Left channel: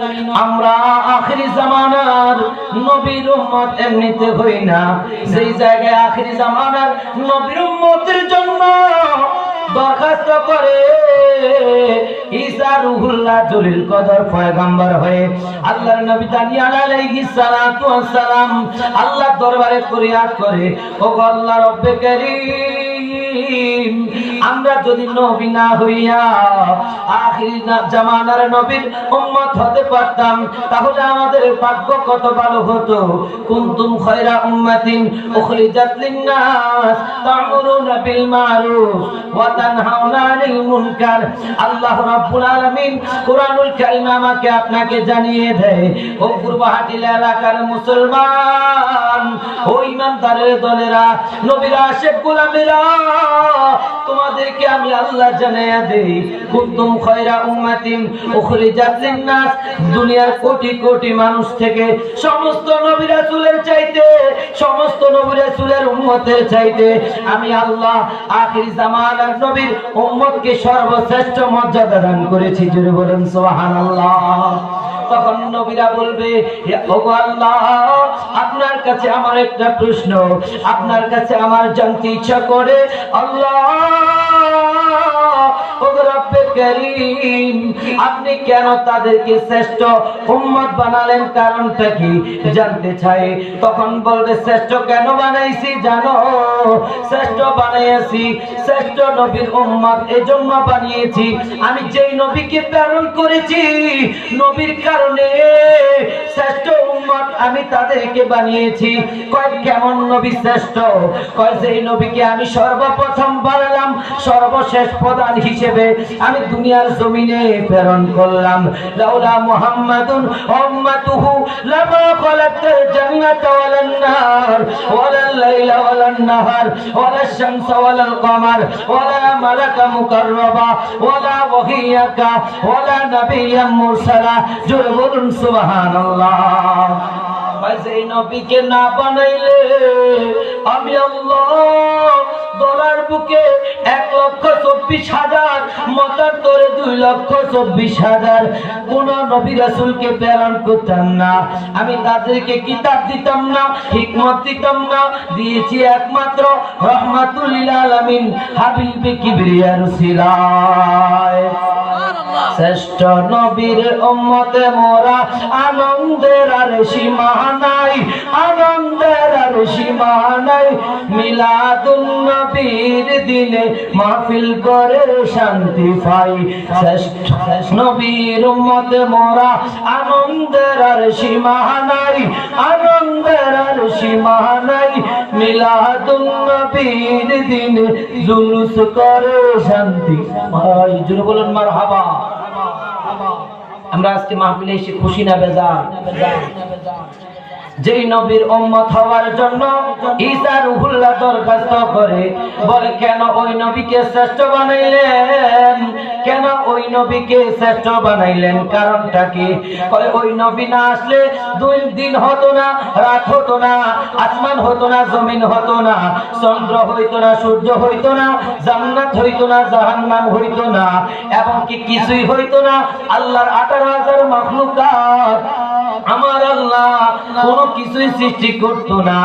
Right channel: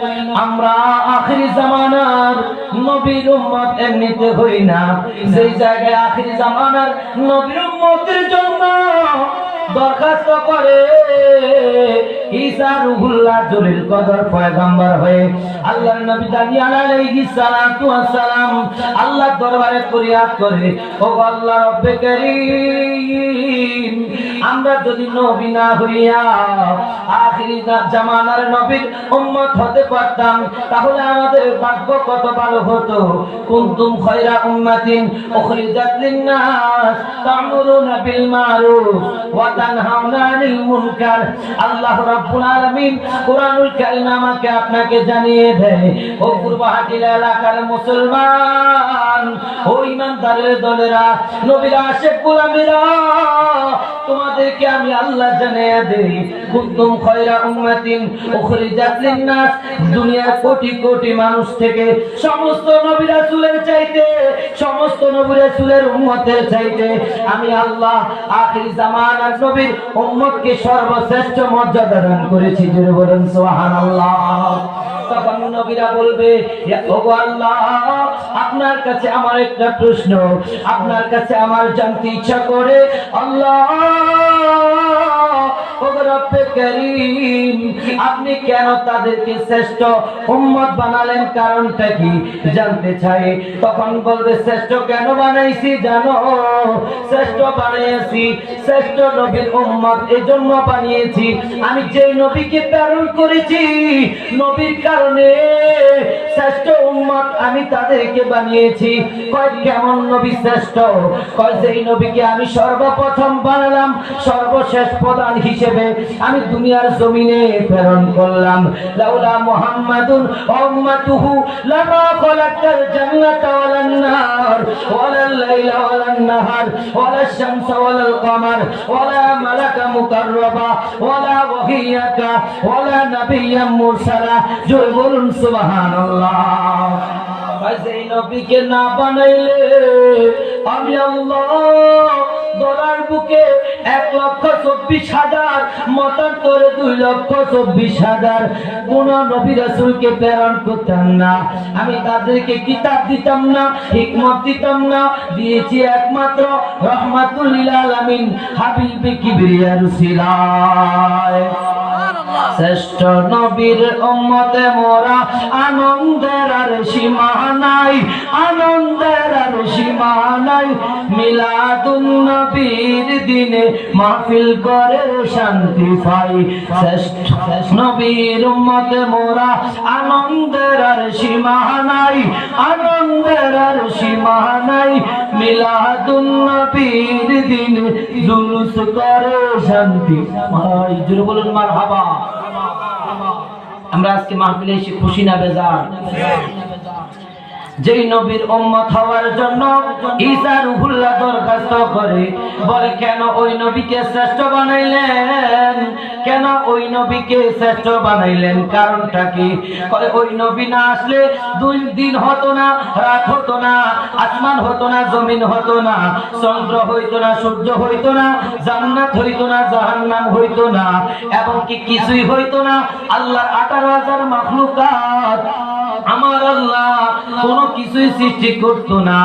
নয়, আমরা আখিরি জামানার নবীর উম্মত এমনিতে হই না। সেই জায়গায় আখিরি জামানার নবীর উম্মতের জন্য দরখাস্ত করে ঈসা রুহুল্লাহ জলিল কদর পয়গম্বর হয়ে আল্লাহর নবী দানিয়াল আলাইহিস সালাতু ওয়াস সালাম আল্লাহর দরবারে ফরিয়াদ করে, ও আল্লাহ রব্বে কারীম, আমরা যদি নবী না হইয়া আখিরি জামানার নবীর উম্মত হতে পারতাম তাহলে আমাদের ভাগ্য কত ভালো হতো। কুনতুম খায়রা উম্মাতিন উখরিজাত লিন-নাস তা'মুরুনা বিল মা'রুফ ওয়া তানহাউনা আনিল মুনকার। আল্লাহ রাব্বুল আলামিন কুরআনুল কারীম আমাকে আপনাকে জানিয়ে দেয়, ও পূর্বহাটি এলাকার মুসলমান, ও ইমানদারের দলেরা, নবীর আশিক গোলামেরা, তোমাদেরকে আমি আল্লাহ জানিয়ে দেই, কুনতুম খায়রা উম্মাতিন উখরিজাত লিন-নাস, দুনিয়ার কোটি কোটি মানুষ থেকে সমস্ত নবী রাসূলের চাইতে, সমস্ত নবী রাসূলের উম্মতের চাইতে আমি আল্লাহ আখির জামানার নবীর উম্মতকে সর্বশ্রেষ্ঠ মর্যাদা দান করেছি। জোরে বলেন সুবহানাল্লাহ। তখন নবীরা বলবে, ওগো আল্লাহ, আপনার কাছে আমার একটা প্রশ্ন, আপনার কাছে আমার জানতে ইচ্ছা করে, আল্লাহ ওগো রব্বে কারীম, আপনি কেন তাদেরকে শ্রেষ্ঠ উম্মত বানালেন, কারণটা কি জানতে চাই। তখন বলবে, শ্রেষ্ঠ কেন বানাইছি জানো? শ্রেষ্ঠ বানাইছি শ্রেষ্ঠ নবীর উম্মত এজন্য বানিয়েছি, আমি যেই নবীকে প্রেরণ করেছি নবীর কারণে শ্রেষ্ঠ উম্মত আমি তাদেরকে বানিয়েছি। কয় কেমন নবী শ্রেষ্ঠ? কয় যেই নবীকে আমি সর্বপ্রথম বানালাম, সর্বশেষ প্রধান হিসেবে আমি দুনিয়ার জমিনে প্রেরণ করলাম। লাউলা মুহাম্মাদুন উম্মাতুহু লামা খালাকাল জান্নাতা ওয়ালান নার ওয়ালাল লাইলা ওয়ালান নাহার ওয়ালাশ শামসা ওয়ালাল কমার ওয়ালা মালাকা মুকাররাবা ওয়ালা ওয়াহিয়াকা ওয়ালা নাবিয়্যাম মুরসালা। জোরে বলুন সুবহানাল্লাহ। যেই নবীকে না বানাইলে আমি আল্লাহ দরার বুকে 1,24,000, মতার তোরে 2,24,000 কোন নবী রাসূলকে প্রেরণ করতাম না। আমি তাদেরকে কিতাব দিতাম না, হিকমত দিতাম না, দিয়েছি একমাত্র রহমাতুল লিল আলামিন হাবিবে কিবরিয়া রসুলায়। শ্রেষ্ঠ নবীর উম্মতে মোরা, আনন্দের আর সীমা নাই, আনন্দের আর সীমা নাই। মিলাদুন নবীর দিনে মাহফিল করে শান্তি পাই। শ্রেষ্ঠ নবীর উম্মতে মোরা, আনন্দের আর সীমা নাই, আনন্দের আর সীমা নাই। মিলাদুন নবীর দিনে জুলুস করে শান্তি পাই। জোরে বলুন মারহাবা। আমরা আজকে মাহফিলে এসে খুশি না বেজার? যেই নবীর উম্মত হওয়ার জন্য ঈসা রুহুল্লাহ দরখাস্ত করে, বলে কেন ওই নবীকে শ্রেষ্ঠ বানাইলেন, কেন ওই নবীকে শ্রেষ্ঠ বানাইলেন, কারণটা কি? বলে ওই নবী না আসলে 2 দিন হতো না, রাত হতো না, আসমান হতো না, জমিন হতো না, চন্দ্র হইতো না, সূর্য হইতো না, জান্নাত হইতো না, জাহান্নাম হইতো না, এবং কি কিছুই হইতো না। আল্লাহর 18,000 মাখলুকাত আমার আল্লাহ কোনো কিছুই সৃষ্টি করতো না।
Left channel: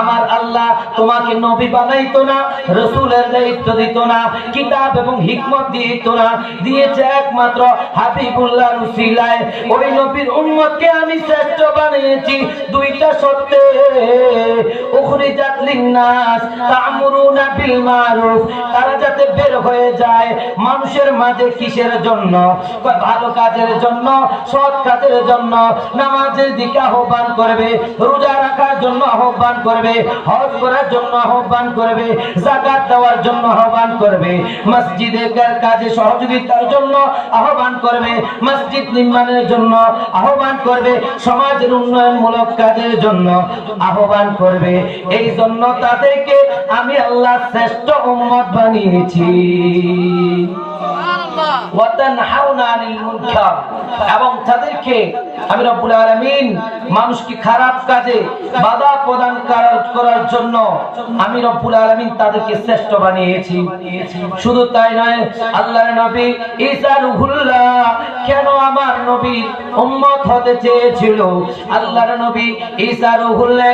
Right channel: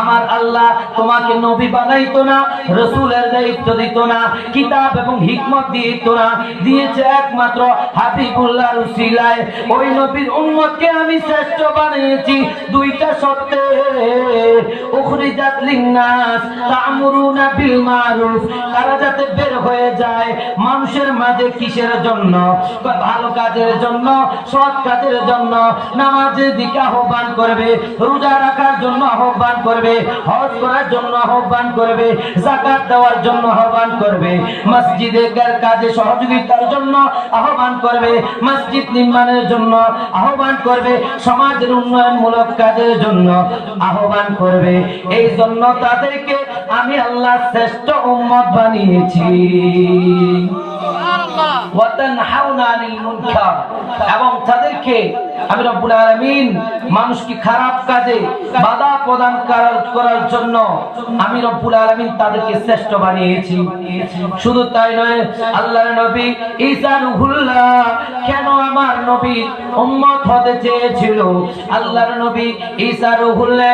আমার আল্লাহ তোমাকে নবী বানাইতো না, রাসূলের দায়িত্ব দিত না, কিতাব এবং হিকমত দিত না, দিয়েছে একমাত্র হাবিবুল্লাহ রসুলায়। ওই নবীর উম্মতকে আমি শ্রেষ্ঠ বানিয়েছি দুইটা শর্তে। উখরিজাত লিন-নাস তা'মুরুনা বিল মা'রুফ, তারা যাতে বের হয়ে যায় মানুষের মাঝে কিসের জন্য? ভালো কাজের জন্য, সৎ কাজের জন্য, নামাজের দিকে আহ্বান করবে, রোজা রাখার জন্য আহ্বান করবে, হজ করার জন্য আহ্বান করবে, যাকাত দেওয়ার জন্য আহ্বান করবে, মসজিদের কাজে সহযোগিতার জন্য আহ্বান করবে, মসজিদ নির্মাণের জন্য আহ্বান করবে, সমাজের উন্নয়নমূলক কাজের জন্য আহ্বান করবে। এই জন্য তাদেরকে আমি আল্লাহ শ্রেষ্ঠ উম্মত বানিয়েছি। ওয়া তানহাউনা আনিল মুনকার, এবং তাদেরকে আমি রব্বুল আলামিন মানুষকে খারাপ কাজে বাধা প্রদান করার জন্য আমি রব্বুল আলামিন তাদেরকে শ্রেষ্ঠ বানিয়েছি। শুধু তাই নয়, আল্লাহর নবী ঈসা রূহুল্লাহ কেন আমার নবী উম্মত হতে চেয়েছিল? আল্লাহর নবী ঈসা রূহুল্লাহ